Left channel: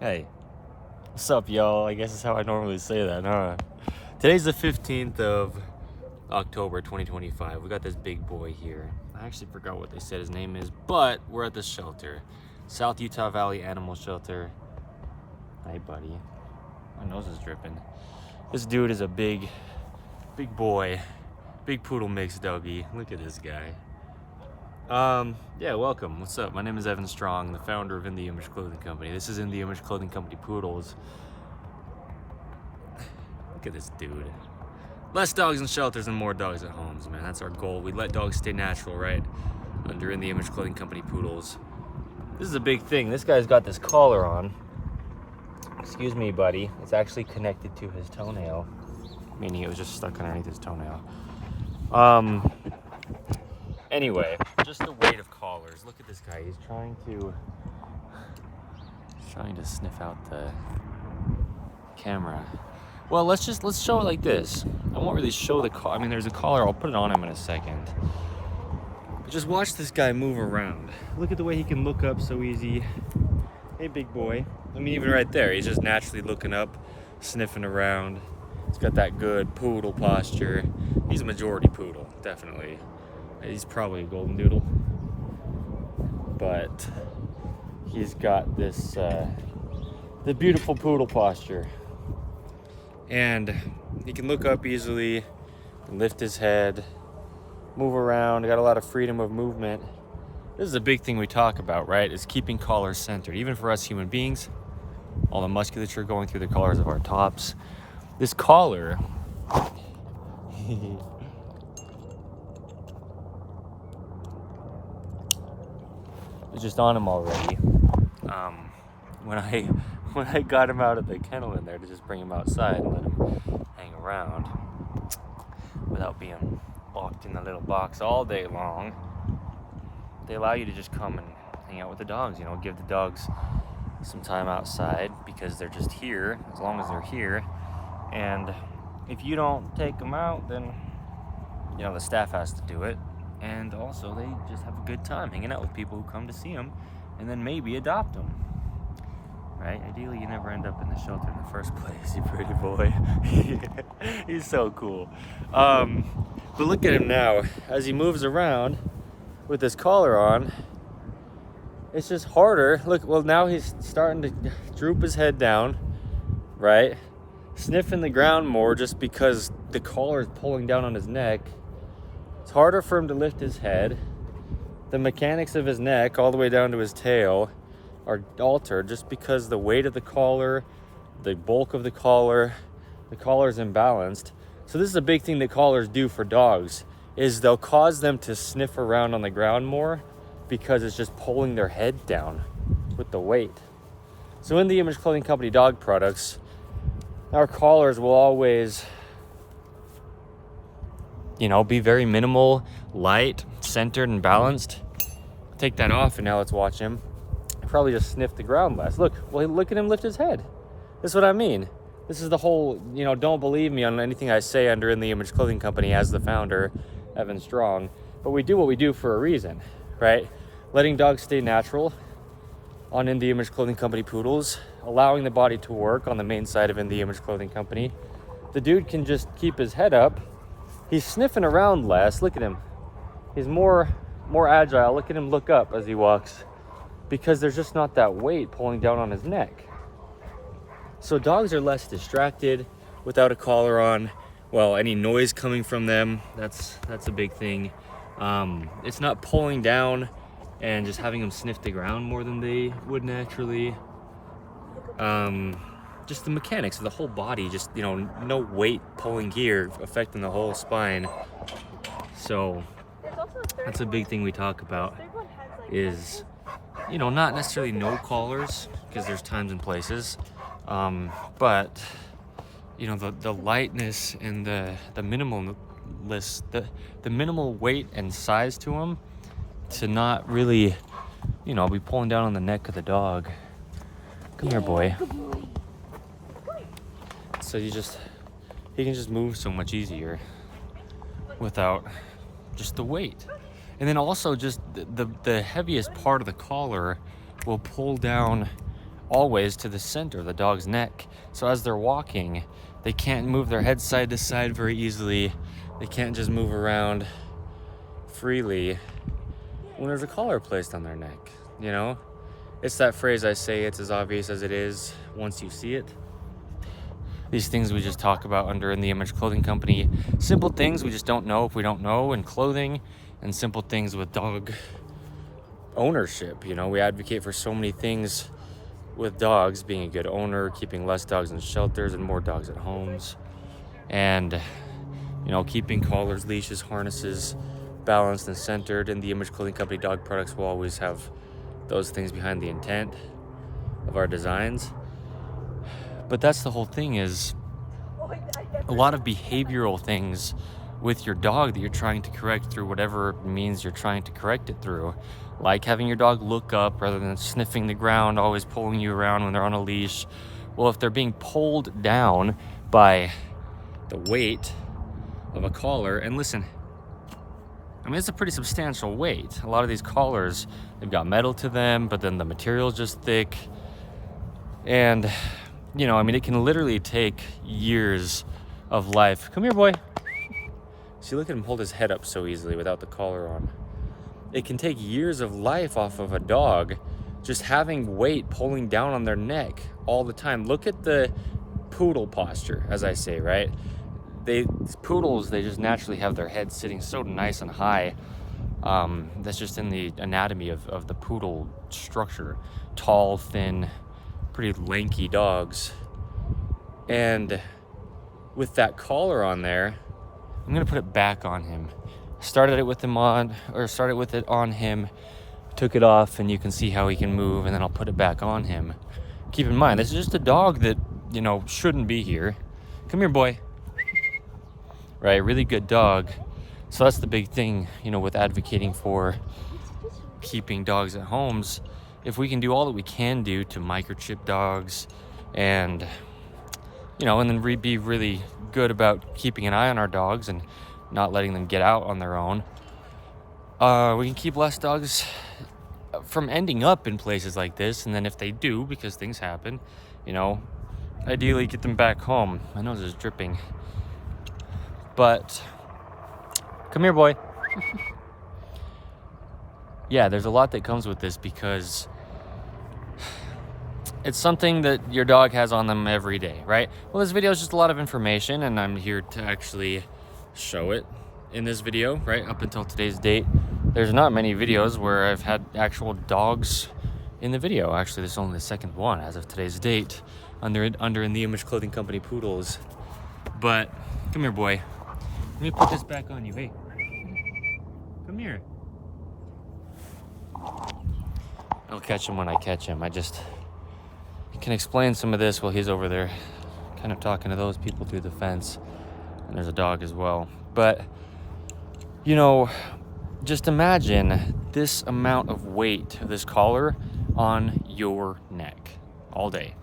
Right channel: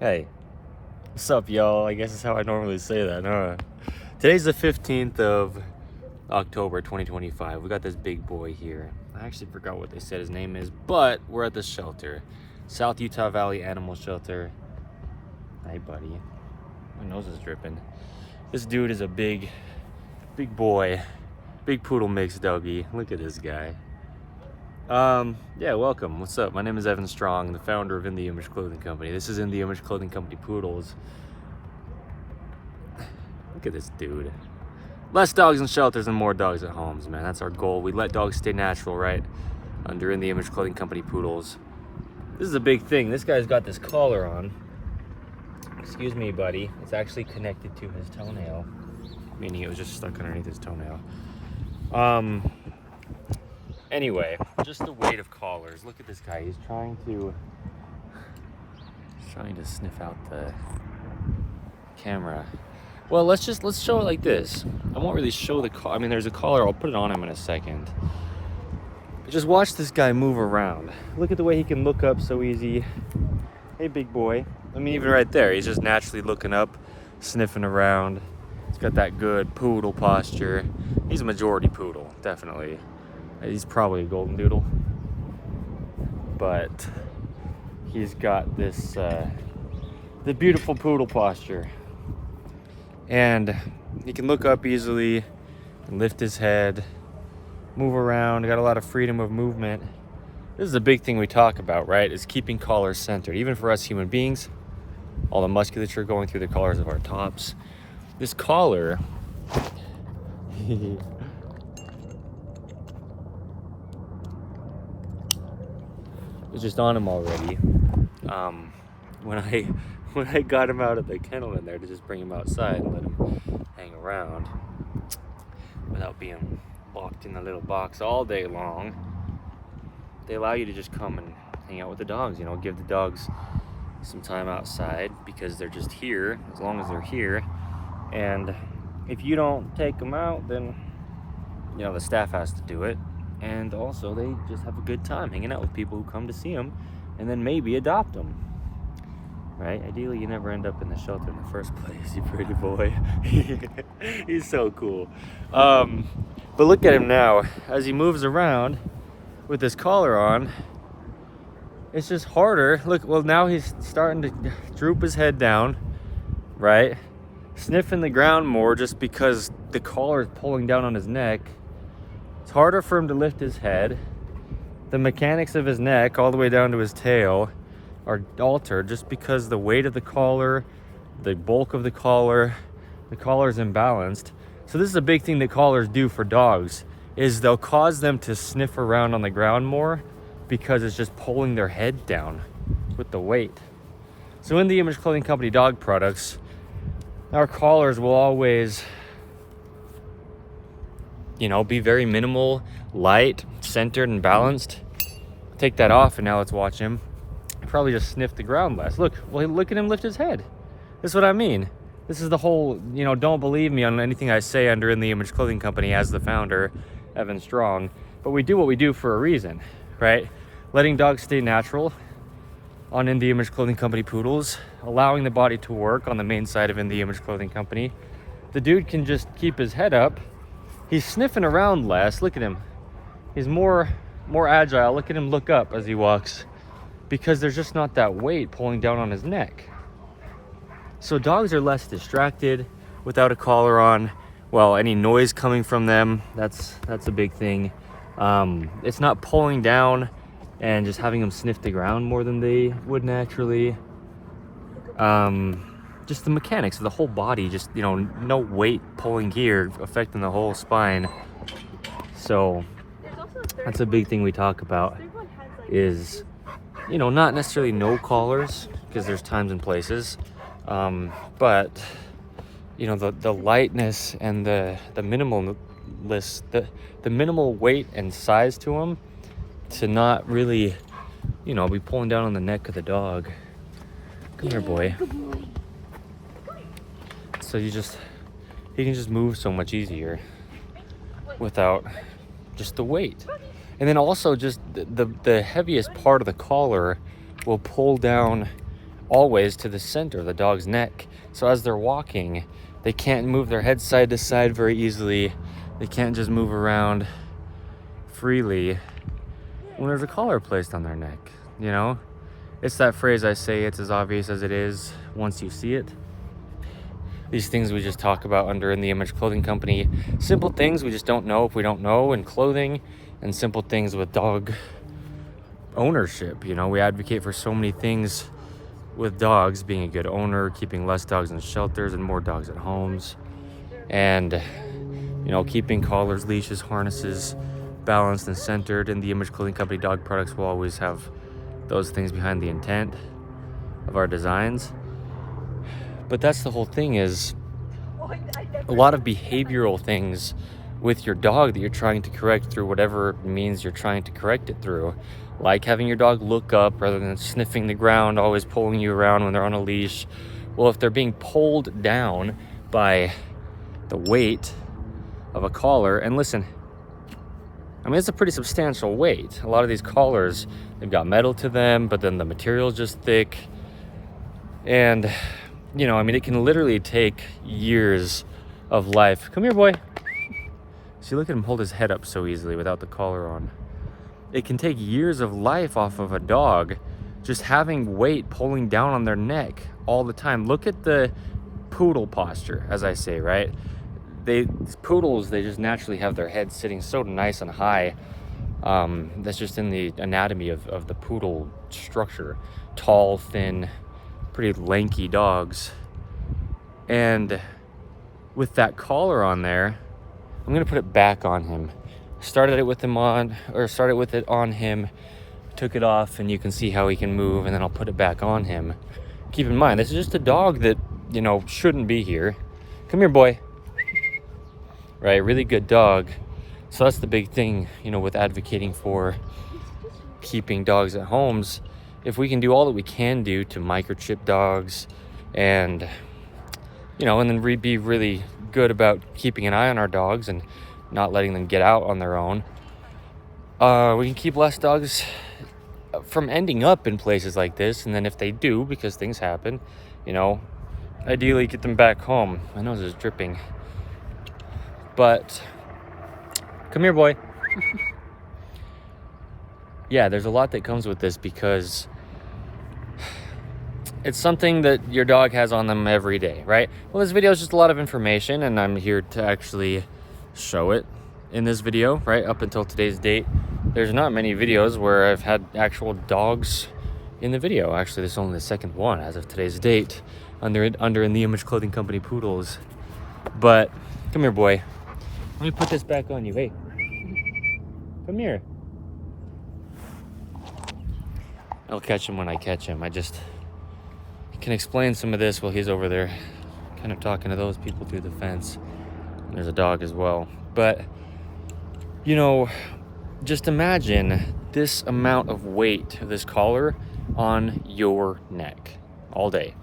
Hey, what's up, y'all? I guess that's how I normally say that, huh? Today's the 15th of October 2025. We got this big boy here. I actually forgot what they said his name is, but we're at the shelter. South Utah Valley Animal Shelter. Hey, buddy. My nose is dripping. This dude is a big boy. Big poodle mix doggy. Look at this guy. Yeah, welcome. What's up? My name is Evan Strong, the founder of In The Image Clothing Company. This is In The Image Clothing Company Poodles. Look at this dude. Less dogs in shelters and more dogs at homes, man. That's our goal. We let dogs stay natural, right? Under In The Image Clothing Company Poodles. This is a big thing. This guy's got this collar on. Excuse me, buddy. It's actually connected to his toenail. Meaning it was just stuck underneath his toenail. Anyway, just the weight of collars. Look at this guy. He's trying to sniff out the camera. Well, let's show it like this. I won't really show the collar. I mean, there's a collar. I'll put it on him in a second. But just watch this guy move around. Look at the way he can look up so easy. Hey, big boy. I mean, even right there, he's just naturally looking up, sniffing around. He's got that good poodle posture. He's a majority poodle, definitely. He's probably a golden doodle, but he's got this the beautiful poodle posture, and he can look up easily, lift his head, move around. Got a lot of freedom of movement. This is a big thing we talk about, right? Is keeping collars centered, even for us human beings. All the musculature going through the collars of our tops. This collar. It's just on him already. When I got him out of the kennel in there to just bring him outside and let him hang around without being locked in the little box all day long, they allow you to just come and hang out with the dogs, you know, give the dogs some time outside because they're just here as long as they're here. And if you don't take them out, then, you know, the staff has to do it. And also, they just have a good time hanging out with people who come to see them and then maybe adopt them, right? Ideally, you never end up in the shelter in the first place, you pretty boy. He's so cool. But look at him now. As he moves around with his collar on, it's just harder. Look, well, now he's starting to droop his head down, right? Sniffing the ground more just because the collar is pulling down on his neck. It's harder for him to lift his head. The mechanics of his neck all the way down to his tail are altered just because the weight of the collar, the bulk of the collar is imbalanced. So this is a big thing that collars do for dogs, is they'll cause them to sniff around on the ground more because it's just pulling their head down with the weight. So in the Image Clothing Company dog products, our collars will always, you know, be very minimal, light, centered, and balanced. Take that off, and now let's watch him. Probably just sniff the ground less. Look at him lift his head. This is what I mean. This is the whole, you know, don't believe me on anything I say under In The Image Clothing Company as the founder, Evan Strong. But we do what we do for a reason, right? Letting dogs stay natural on In The Image Clothing Company Poodles, allowing the body to work on the main side of In The Image Clothing Company. The dude can just keep his head up. He's sniffing around less. Look at him. He's more agile. Look at him look up as he walks because there's just not that weight pulling down on his neck. So dogs are less distracted without a collar on. Well, any noise coming from them, that's a big thing. It's not pulling down and just having them sniff the ground more than they would naturally. Just the mechanics of the whole body, just, you know, no weight pulling here affecting the whole spine. So that's a big thing we talk about, is, you know, not necessarily no collars, because there's times and places, but, you know, the lightness and the minimalist, the minimal weight and size to them, to not really, you know, be pulling down on the neck of the dog. Come here, boy. So he can just move so much easier without just the weight. And then also just the heaviest part of the collar will pull down always to the center of the dog's neck. So as they're walking, they can't move their head side to side very easily. They can't just move around freely when there's a collar placed on their neck, you know? It's that phrase I say, it's as obvious as it is once you see it. These things we just talk about under In the Image Clothing Company. Simple things we just don't know if we don't know in clothing, and simple things with dog ownership. You know, we advocate for so many things with dogs, being a good owner, keeping less dogs in shelters and more dogs at homes, and, you know, keeping collars, leashes, harnesses balanced and centered. In the Image Clothing Company dog products will always have those things behind the intent of our designs. But that's the whole thing, is a lot of behavioral things with your dog that you're trying to correct through whatever means you're trying to correct it through. Like having your dog look up rather than sniffing the ground, always pulling you around when they're on a leash. Well, if they're being pulled down by the weight of a collar, and listen, I mean, it's a pretty substantial weight. A lot of these collars, they've got metal to them, but then the material's just thick. And, you know, I mean, it can literally take years of life. Come here, boy. See, look at him hold his head up so easily without the collar on. It can take years of life off of a dog just having weight pulling down on their neck all the time. Look at the poodle posture, as I say, right? These poodles, they just naturally have their head sitting so nice and high. That's just in the anatomy of the poodle structure. Tall, thin, pretty lanky dogs. And with that collar on there, I'm gonna put it back on him. Started it with it on him, took it off, and you can see how he can move, and then I'll put it back on him. Keep in mind, this is just a dog that, you know, shouldn't be here. Come here, boy. Right, really good dog. So that's the big thing, you know, with advocating for keeping dogs at homes. If we can do all that we can do to microchip dogs and, you know, and then be really good about keeping an eye on our dogs and not letting them get out on their own, we can keep less dogs from ending up in places like this. And then if they do, because things happen, you know, ideally get them back home. My nose is dripping. But come here, boy. Yeah, there's a lot that comes with this because it's something that your dog has on them every day, right? Well, this video is just a lot of information, and I'm here to actually show it in this video, right? Up until today's date, there's not many videos where I've had actual dogs in the video. Actually, this is only the second one as of today's date under In the Image Clothing Company poodles. But come here, boy. Let me put this back on you. Hey, come here. I'll catch him when I catch him. I just can explain some of this while he's over there kind of talking to those people through the fence. And there's a dog as well. But, you know, just imagine this amount of weight of this collar on your neck all day.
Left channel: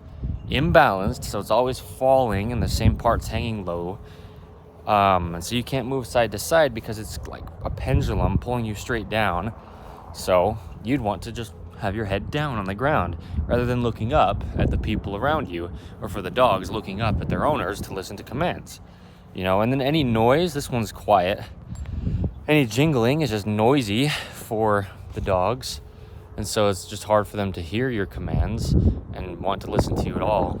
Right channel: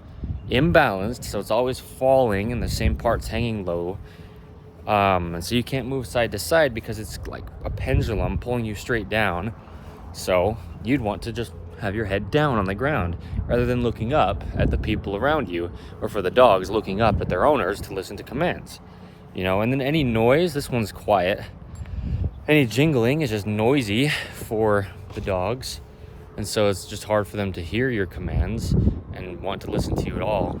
Imbalanced, so it's always falling and the same part's hanging low. And so you can't move side to side because it's like a pendulum pulling you straight down. So you'd want to just have your head down on the ground rather than looking up at the people around you, or for the dogs looking up at their owners to listen to commands. You know, and then any noise, this one's quiet. Any jingling is just noisy for the dogs. And so it's just hard for them to hear your commands and want to listen to you at all.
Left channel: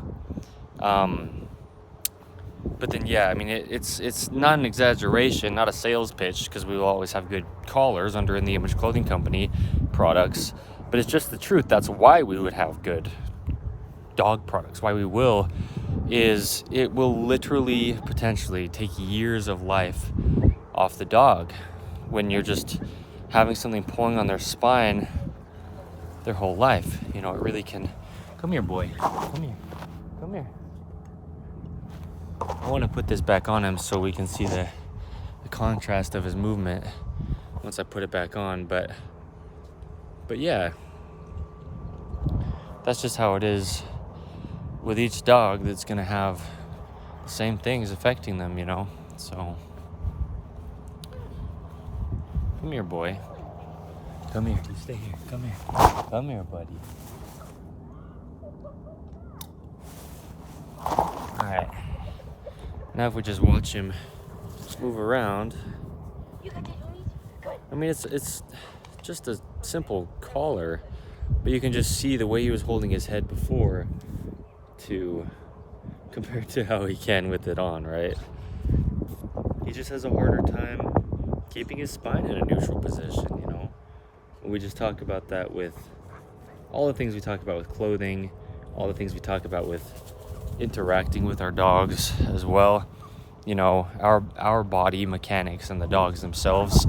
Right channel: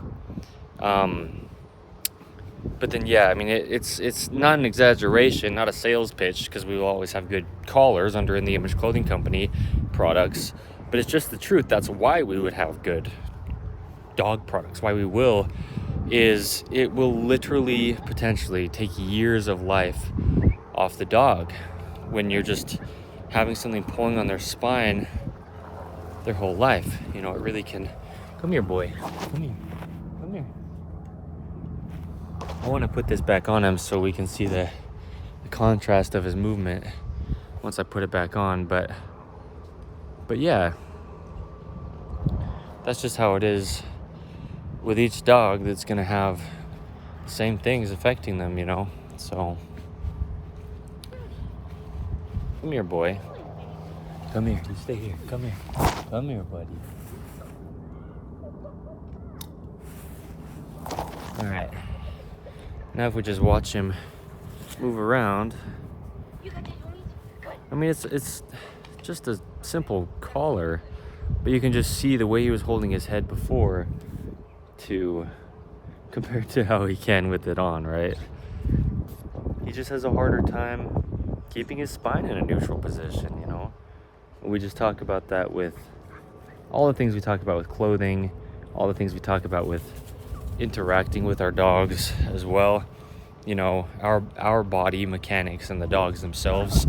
But then, yeah, I mean, it's not an exaggeration, not a sales pitch, because we will always have good callers under In the Image Clothing Company products. But it's just the truth. That's why we would have good dog products. Why we will is it will literally potentially take years of life off the dog when you're just having something pulling on their spine their whole life. You know, it really can. Come here, boy. Come here. Come here. I want to put this back on him so we can see the contrast of his movement once I put it back on. But yeah, that's just how it is with each dog that's going to have the same things affecting them, you know. So come here, boy. Come here. You stay here. Come here. Come here, buddy. All right. Now if we just watch him move around, I mean, it's just a simple collar, but you can just see the way he was holding his head before to compared to how he can with it on, right? He just has a harder time keeping his spine in a neutral position, you know? We just talk about that with all the things we talk about with clothing, all the things we talk about with interacting with our dogs as well. You know, our body mechanics and the dogs themselves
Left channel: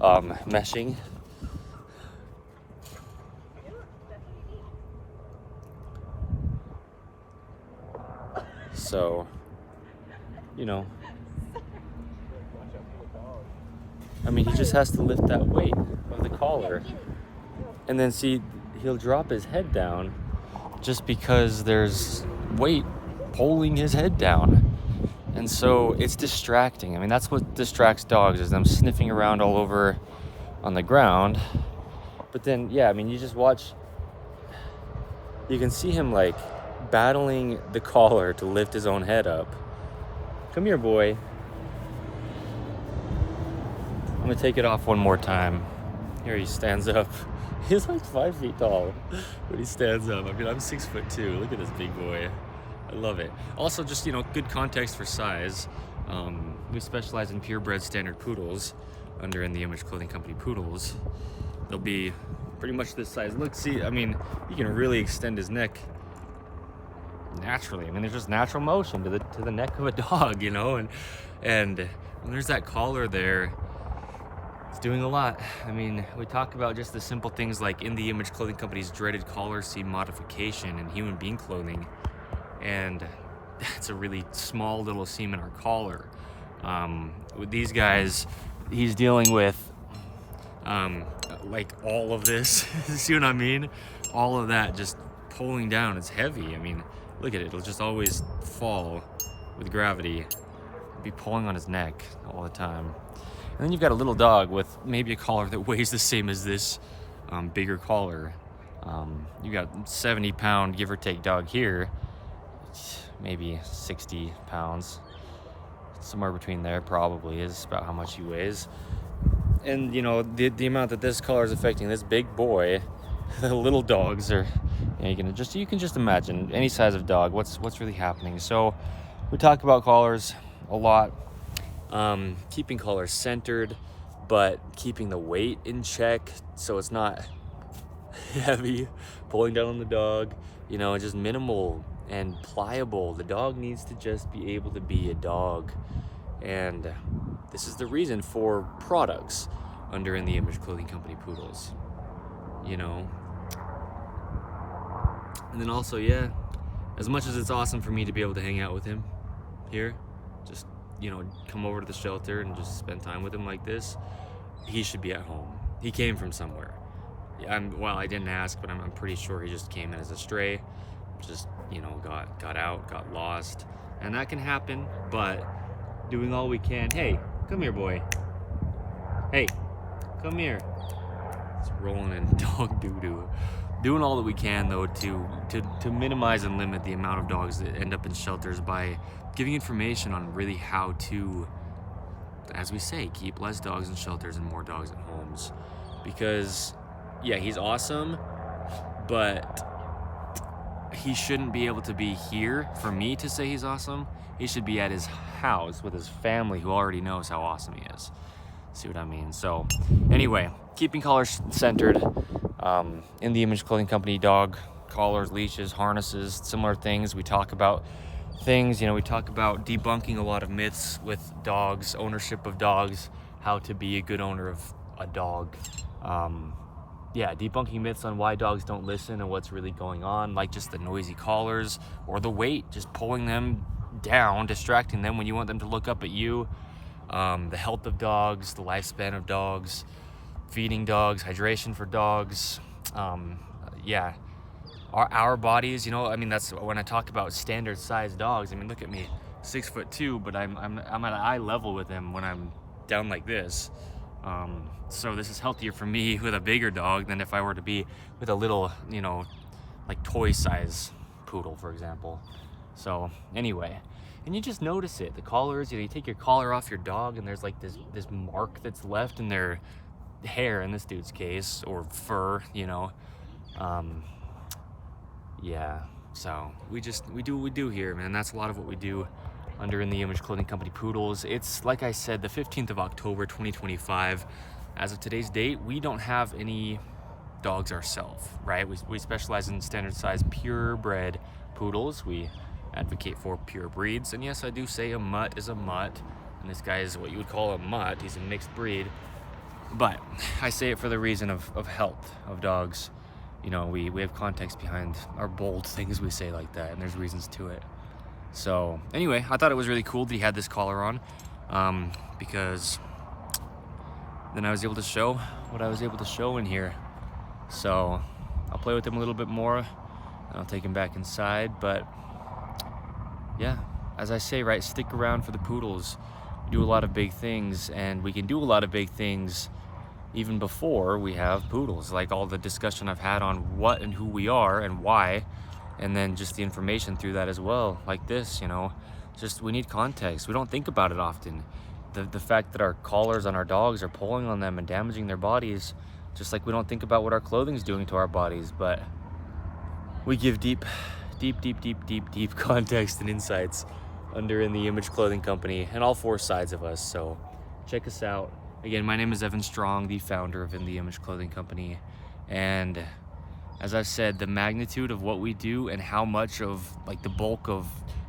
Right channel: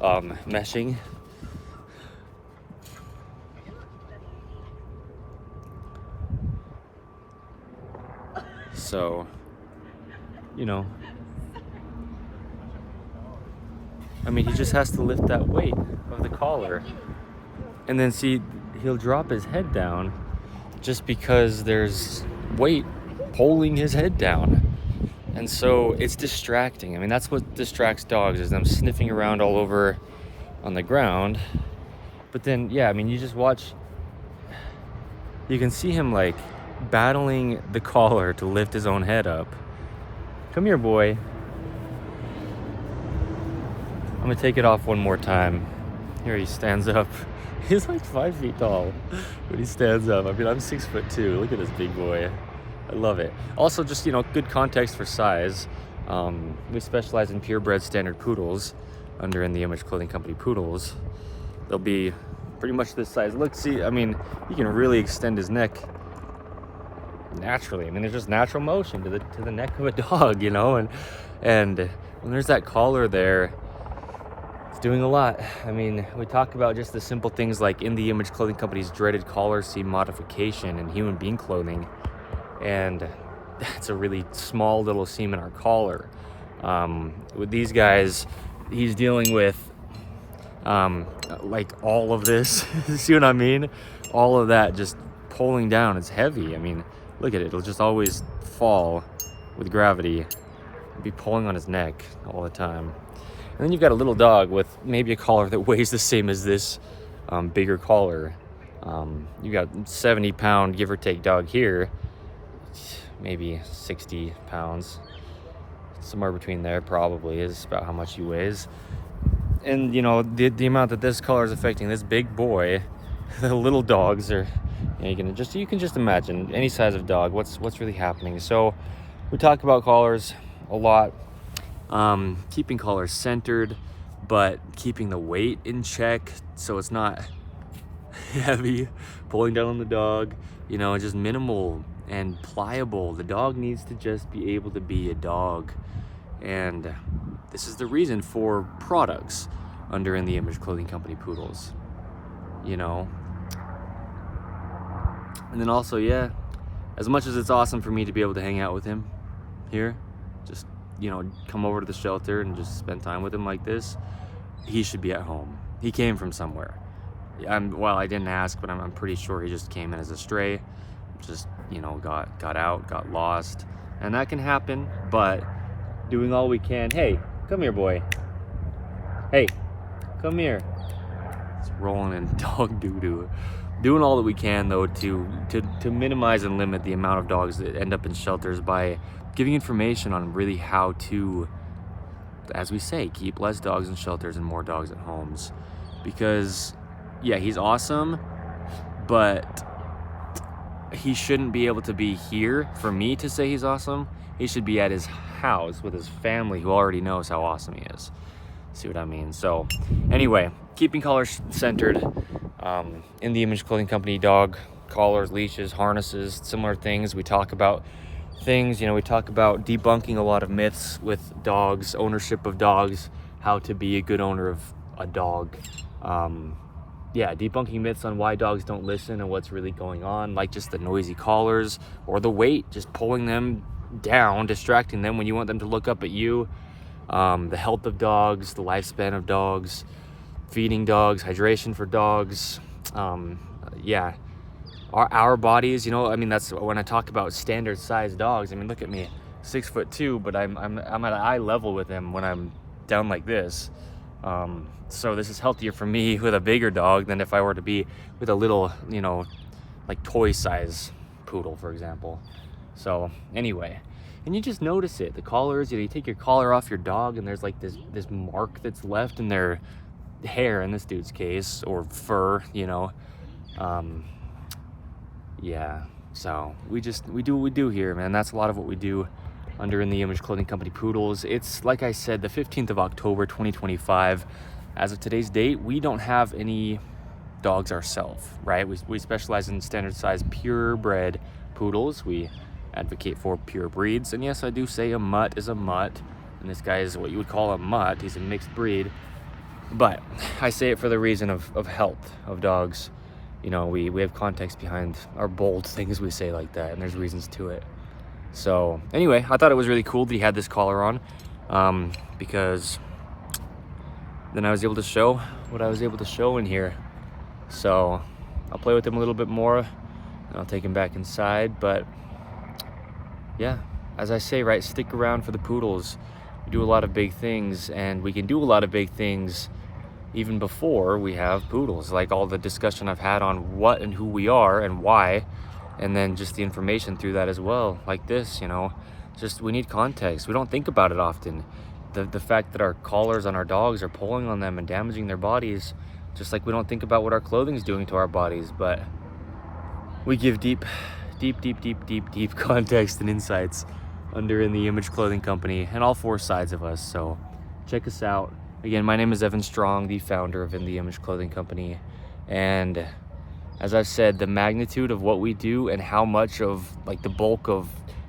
meshing. So, you know, I mean, he just has to lift that weight of the collar, and then see, he'll drop his head down just because there's weight pulling his head down. And so it's distracting. I mean, that's what distracts dogs, is them sniffing around all over on the ground. But then, yeah, I mean, you just watch, you can see him like battling the collar to lift his own head up. Come here, boy. I'm gonna take it off one more time. Here he stands up. He's like 5 feet tall when he stands up. I mean, I'm 6'2". Look at this big boy. I love it. Also, just, you know, good context for size. We specialize in purebred standard poodles under In The Image Clothing Company poodles. They'll be pretty much this size. Look, see, I mean, he can really extend his neck naturally. I mean, there's just natural motion to the neck of a dog, you know, and when there's that collar there, it's doing a lot. I mean, we talk about just the simple things like In The Image Clothing Company's dreaded collar seam modification in human being clothing, and that's a really small little seam in our collar. With these guys, he's dealing with like all of this. See what I mean? All of that just pulling down. It's heavy. I mean, look at it. It'll just always fall with gravity. Be pulling on his neck all the time. And then you've got a little dog with maybe a collar that weighs the same as this bigger collar. You got 70-pound, give or take, dog here. Maybe 60 pounds. Somewhere between there probably is about how much he weighs. And you know, the amount that this collar is affecting this big boy, the little dogs are, you can just imagine any size of dog, what's really happening. So we talk about collars a lot. Keeping collars centered, but keeping the weight in check so it's not heavy, pulling down on the dog, you know, just minimal and pliable. The dog needs to just be able to be a dog. And this is the reason for products under In The Image Clothing Company poodles, you know. And then also, yeah, as much as it's awesome for me to be able to hang out with him here, just, you know, come over to the shelter and just spend time with him like this, he should be at home. He came from somewhere. Well, I didn't ask, but I'm pretty sure he just came in as a stray, just, you know, got out, got lost. And that can happen, but doing all we can. Hey, come here, boy. Hey, come here. It's rolling in dog doo-doo. Doing all that we can, though, to minimize and limit the amount of dogs that end up in shelters by giving information on really how to, as we say, keep less dogs in shelters and more dogs at homes. Because, yeah, he's awesome, but he shouldn't be able to be here for me to say he's awesome. He should be at his house with his family who already knows how awesome he is. See what I mean? So anyway, keeping collars centered. In The Image Clothing Company, dog collars, leashes, harnesses, similar things. We talk about things, you know, we talk about debunking a lot of myths with dogs, ownership of dogs, how to be a good owner of a dog. Yeah, debunking myths on why dogs don't listen and what's really going on, like just the noisy collars or the weight, just pulling them down, distracting them when you want them to look up at you. The health of dogs, the lifespan of dogs, feeding dogs, hydration for dogs. Yeah, our bodies, you know, I mean, that's when I talk about standard size dogs. I mean, look at me, 6'2", but I'm at eye level with them when I'm down like this. So this is healthier for me with a bigger dog than if I were to be with a little, you know, like toy size poodle, for example. So anyway, and you just notice it. The collars, you take your collar off your dog and there's like this mark that's left in their hair in this dude's case, or fur, yeah. So we do what we do here, man. That's a lot of what we do under In the Image Clothing Company Poodles. It's, like I said, the 15th of October 2025. As of today's date, we don't have any dogs ourselves, right? We specialize in standard size purebred poodles. We advocate for pure breeds, and yes, I do say a mutt is a mutt, and this guy is what you would call a mutt. He's a mixed breed, but I say it for the reason of health of dogs. We have context behind our bold things we say like that, and there's reasons to it. So anyway, I thought it was really cool that he had this collar on, because then I was able to show what I was able to show in here. So I'll play with him a little bit more, and I'll take him back inside. But yeah, as I say, right, stick around for the poodles. We do a lot of big things, and we can do a lot of big things even before we have poodles, like all the discussion I've had on what and who we are and why, and then just the information through that as well, like this, just we need context. We don't think about it often. The fact that our collars on our dogs are pulling on them and damaging their bodies, just like we don't think about what our clothing is doing to our bodies, but we give deep context and insights under In the Image Clothing Company and all four sides of us. So check us out. Again, my name is Evan Strong, the founder of In the Image Clothing Company, and as I've said, the magnitude of what we do and how much of like the bulk of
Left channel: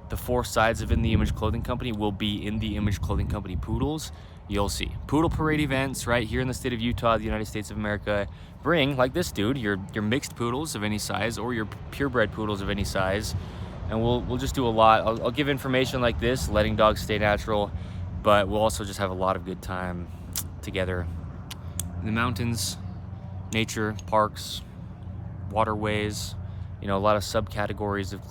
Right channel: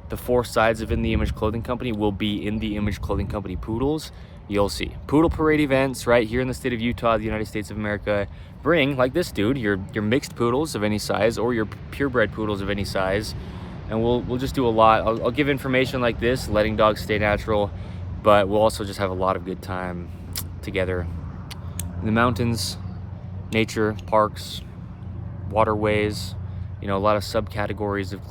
the four sides of In the Image Clothing Company will be In the Image Clothing Company poodles, you'll see. Poodle parade events right here in the state of Utah, the United States of America. Bring, like this dude, your mixed poodles of any size or your purebred poodles of any size, and we'll just do a lot. I'll give information like this, letting dogs stay natural, but we'll also just have a lot of good time together in the mountains, nature, parks, waterways, a lot of subcategories of